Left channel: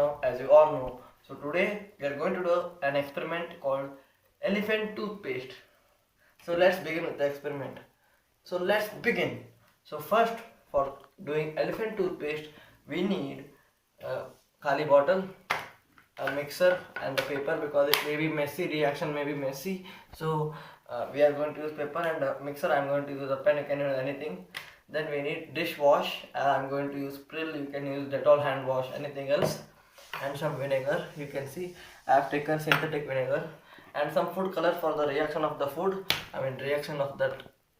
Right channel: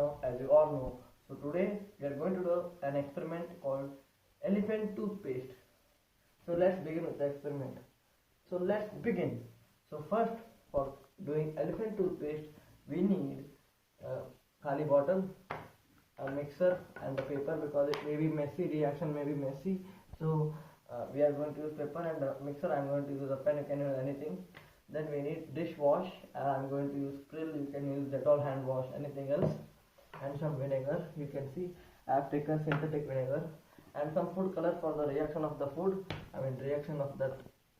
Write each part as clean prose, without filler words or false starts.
now, as you all know, so today we are going to do an experiment called elephant toothpaste. So let's begin with the experiment. So let's begin. So first, for doing elephant toothpaste, we need a khali bottle, a mixer, and the paper, because it may be messy. Reaction may be messy. So we are going to use paper and a mixer. I'm going to use a pen. You can use anything. Then we need dishwash. I'm going to use Prill. You can use Dettol hand wash. Anything else? And some vinegar. You can see I have taken synthetic vinegar and some food color for the reaction of the food. Reaction of that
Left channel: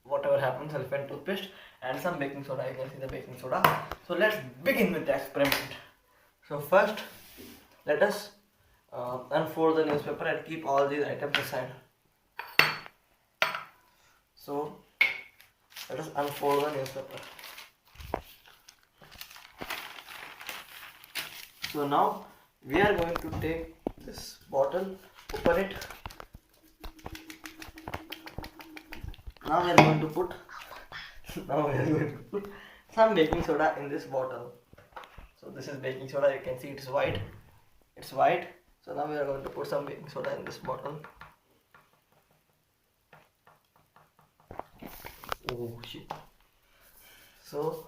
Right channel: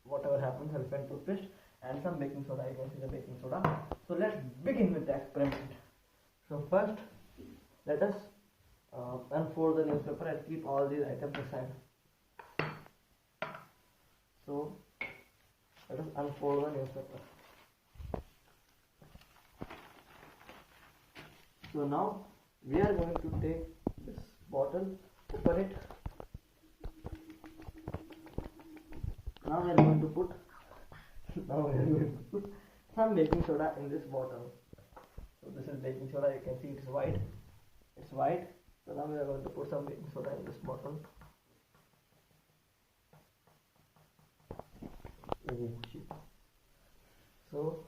whatever happens, elephant toothpaste, and some baking soda. You can see the baking soda. So let's begin with the experiment. So first, let us unfold the newspaper and keep all these items aside. So let us unfold the newspaper. So now we are going to take this bottle, open it. Now we are going to put some baking soda in this bottle. So this is baking soda. You can see it's white. It's white. So now we are going to put some baking soda in this bottle. Oh shit. So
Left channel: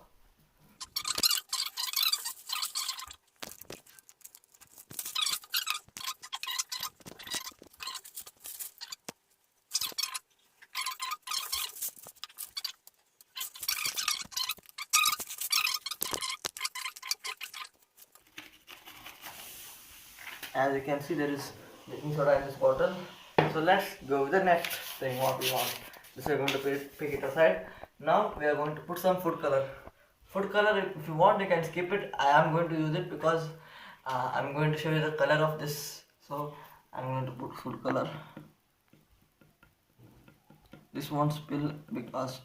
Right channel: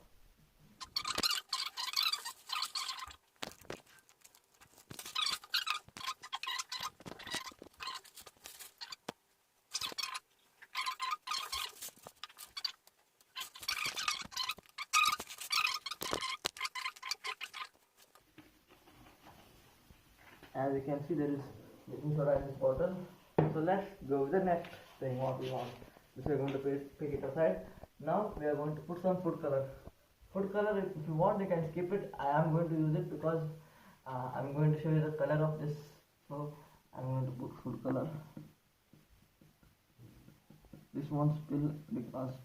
as you can see, there is baking soda in this bottle. So let's go with the next thing what we want. This we are going to pick it aside. Now we are going to put some food color. Food color, if you want you can skip it. I am going to use it because I'm going to show you the color of this. So I'm going to put food color. This won't spill because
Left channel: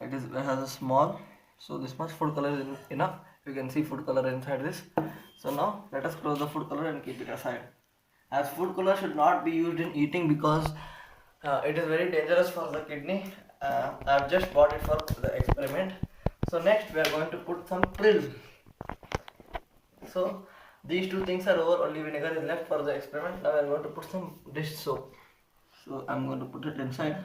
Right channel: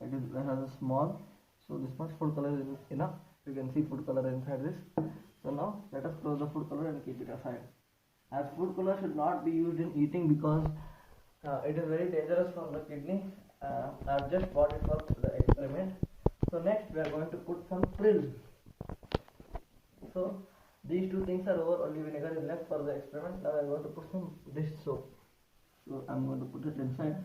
it has a small. So this much food color is enough. You can see food color inside this. So now let us close the food color and keep it aside. As food color should not be used in eating because it is very dangerous for the kidney. I have just bought it for the experiment. So next we are going to put some Prill. So these two things are over, only vinegar is left for the experiment. Now we are going to put some dish soap. So I am going to put it inside.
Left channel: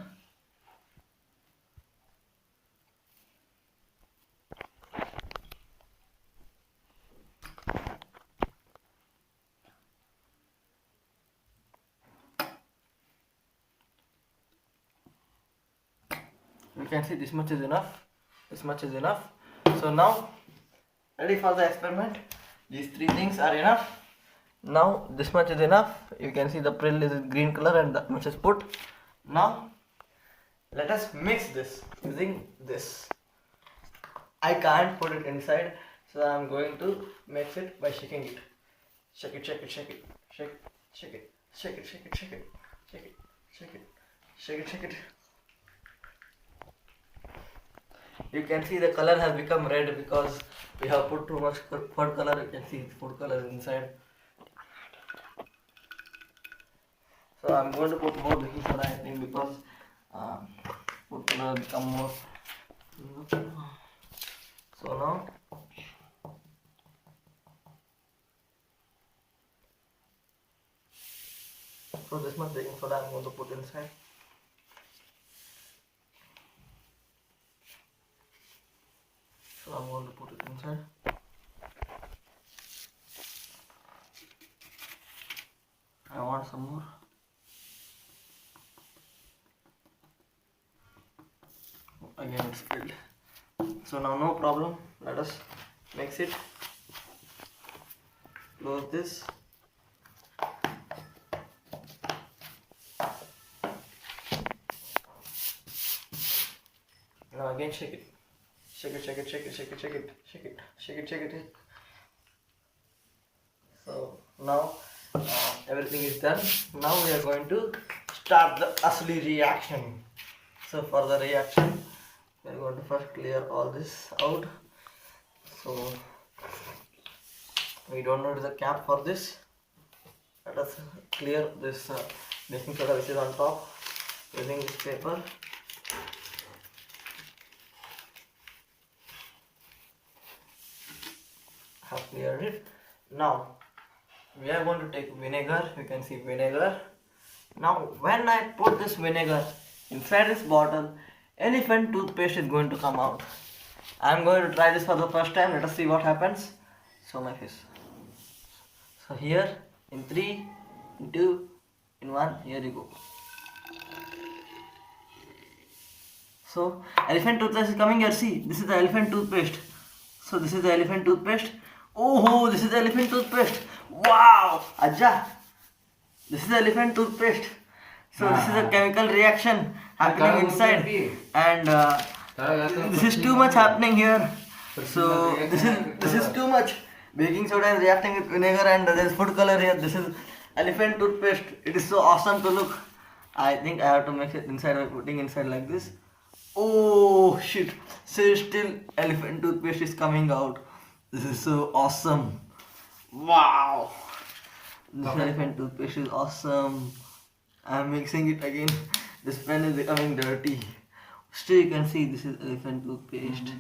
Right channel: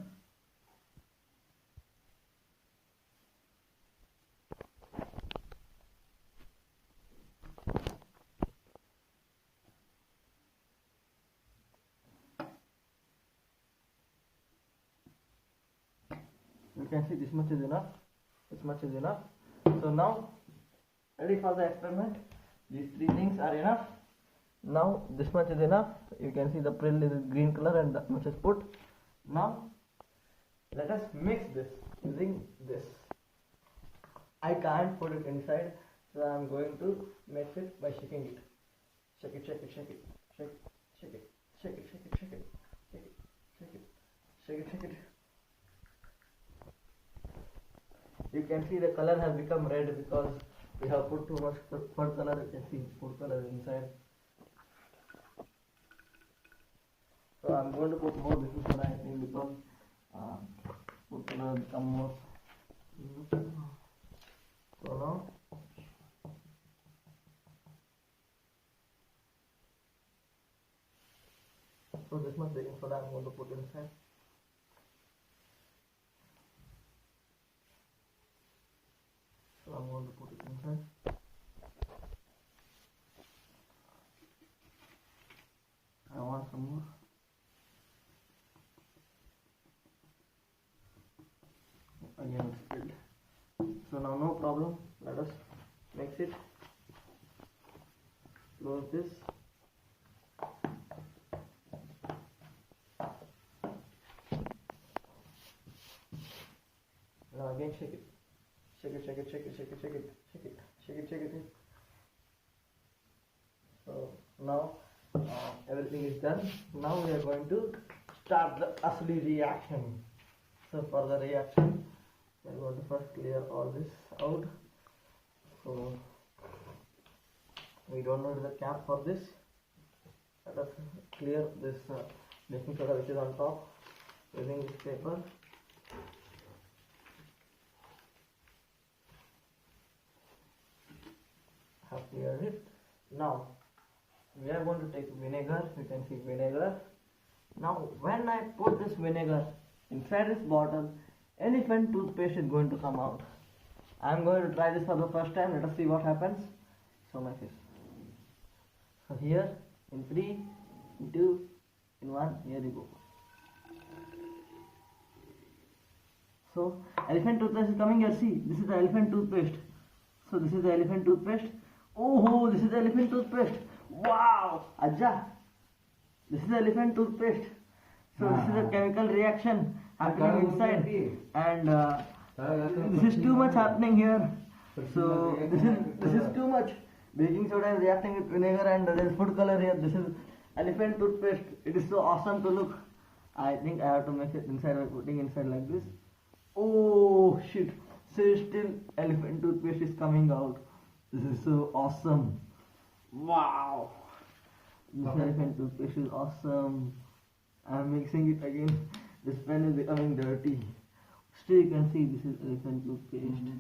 You can see this much is enough. This much is enough. So now ready for the experiment. These three things are enough. Now this much is enough. You can see the Prill is green color and that much is put. Now let us mix this using this. I can't put it inside, so I am going to mix it by shaking it. Shake it, shake it, shake it, shake it, shake it, shake it, shake it, shake it, shake it, shake it, shake it, shake it. You can see the color has become red because we have put too much food color. You can see food color inside. So I'm going to put more baking soda, I think, because food color become more. So now this much baking soda I'm going to put inside. So I'm going to put it inside. I want some more. Again it's filled. So now no problem. Let us mix it. Close this. Now again shake it. Shake it, shake it, shake it, shake it, shake it, shake it, shake it, shake it. So now everything is done. Now we are going to start the asli reaction. So for the reaction, we are going to first clear all this out. So we don't need the cap for this. Let us clear this baking soda which is on top using this paper. have cleared it. Now we are going to take vinegar. You can see vinegar. Now when I put this vinegar inside this bottle, elephant toothpaste is going to come out. I am going to try this for the first time. Let us see what happens. So my face. So here in 3, in 2, in 1, here you go. So elephant toothpaste is coming here. See, this is the elephant toothpaste. So this is the elephant toothpaste. Oh, this is the elephant toothpaste. Wow, Ajja. This is the elephant toothpaste. So this is a chemical reaction happening inside, and this is too much happening here. So this is too much. Baking soda is reacting with vinegar, and there is food color here. This is elephant toothpaste. It is so awesome to look. I think I have to mix it inside by putting inside like this. Oh shit! So still elephant toothpaste is coming out. This is so awesome. Wow! This elephant toothpaste is awesome. I am mixing it again. This pen is becoming dirty. Still you can see this is elephant toothpaste.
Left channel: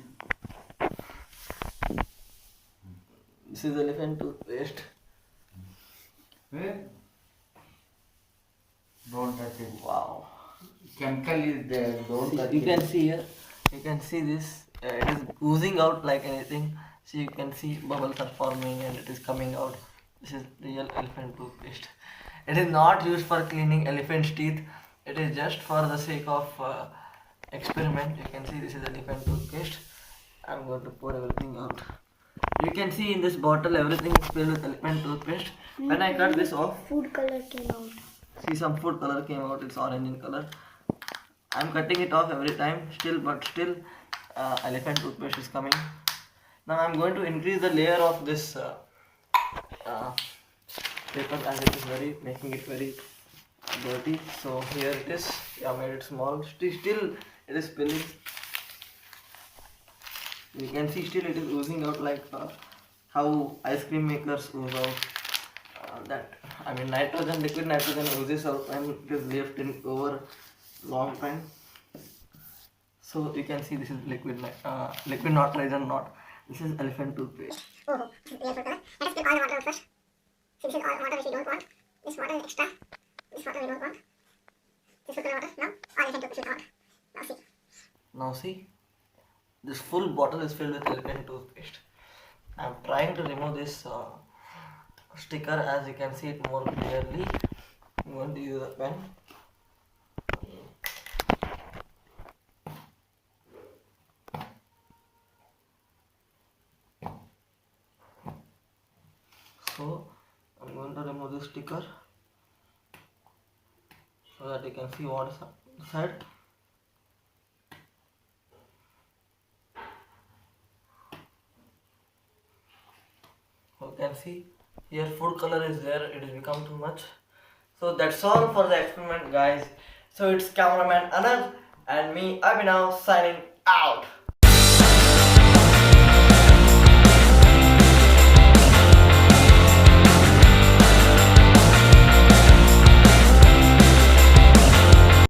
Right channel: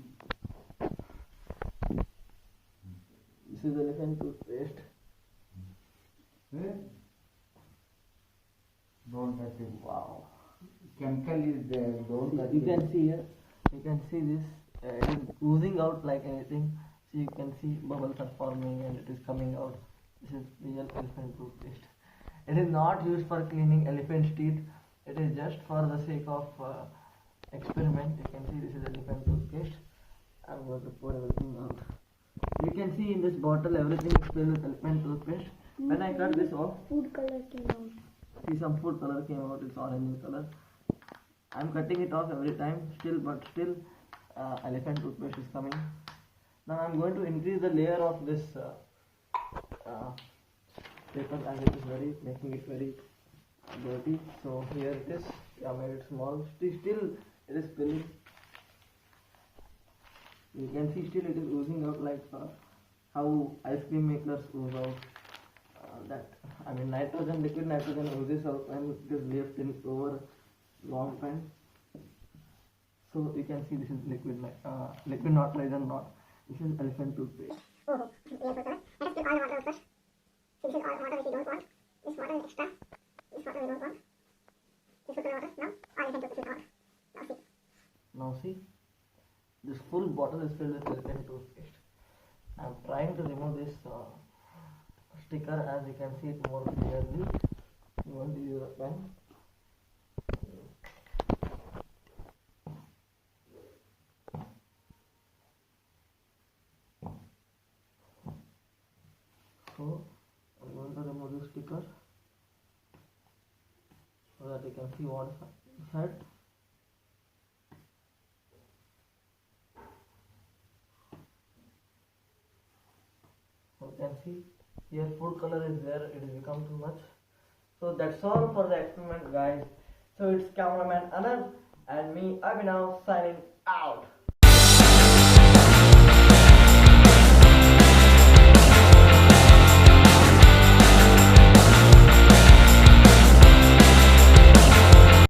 This is elephant toothpaste. Don't touch it. Wow. Chemical is there. Don't touch You it. can see here. You can see this. It is oozing out like anything. So you can see bubbles are forming and it is coming out. This is real elephant toothpaste. It is not used for cleaning elephant's teeth. It is just for the sake of experiment. You can see this is elephant toothpaste. I'm going to pour everything out. You can see in this bottle everything is filled with elephant toothpaste. When I cut this off, food color came out. see some food color came out. It's orange in color. I'm cutting it off every time. Still elephant toothpaste is coming. Now I'm going to increase the layer of this paper as it is making it very dirty. So here it is. I made it small. Still it is spilling. You can see still it is oozing out like how ice cream makers ooze out. Liquid nitrogen oozes out when it is left in over long time. So you can see this is liquid nitrogen, not. This is elephant toothpaste. Oh, real food color. Let us pick all the water out first. See, this is all water which we don't want. This water is extra. This water we don't want. This food color water. Now, all elephant toothpaste out. Now see. Now see, this full bottle is filled with elephant toothpaste. I am trying to remove this sticker as you can see it more clearly. I'm going to use a pen. So I'm going to remove this sticker so that you can see what is inside. You can see here food color is there. It has become too much. So that's all for the experiment, guys. So it's cameraman Anand and me Abhinav signing out.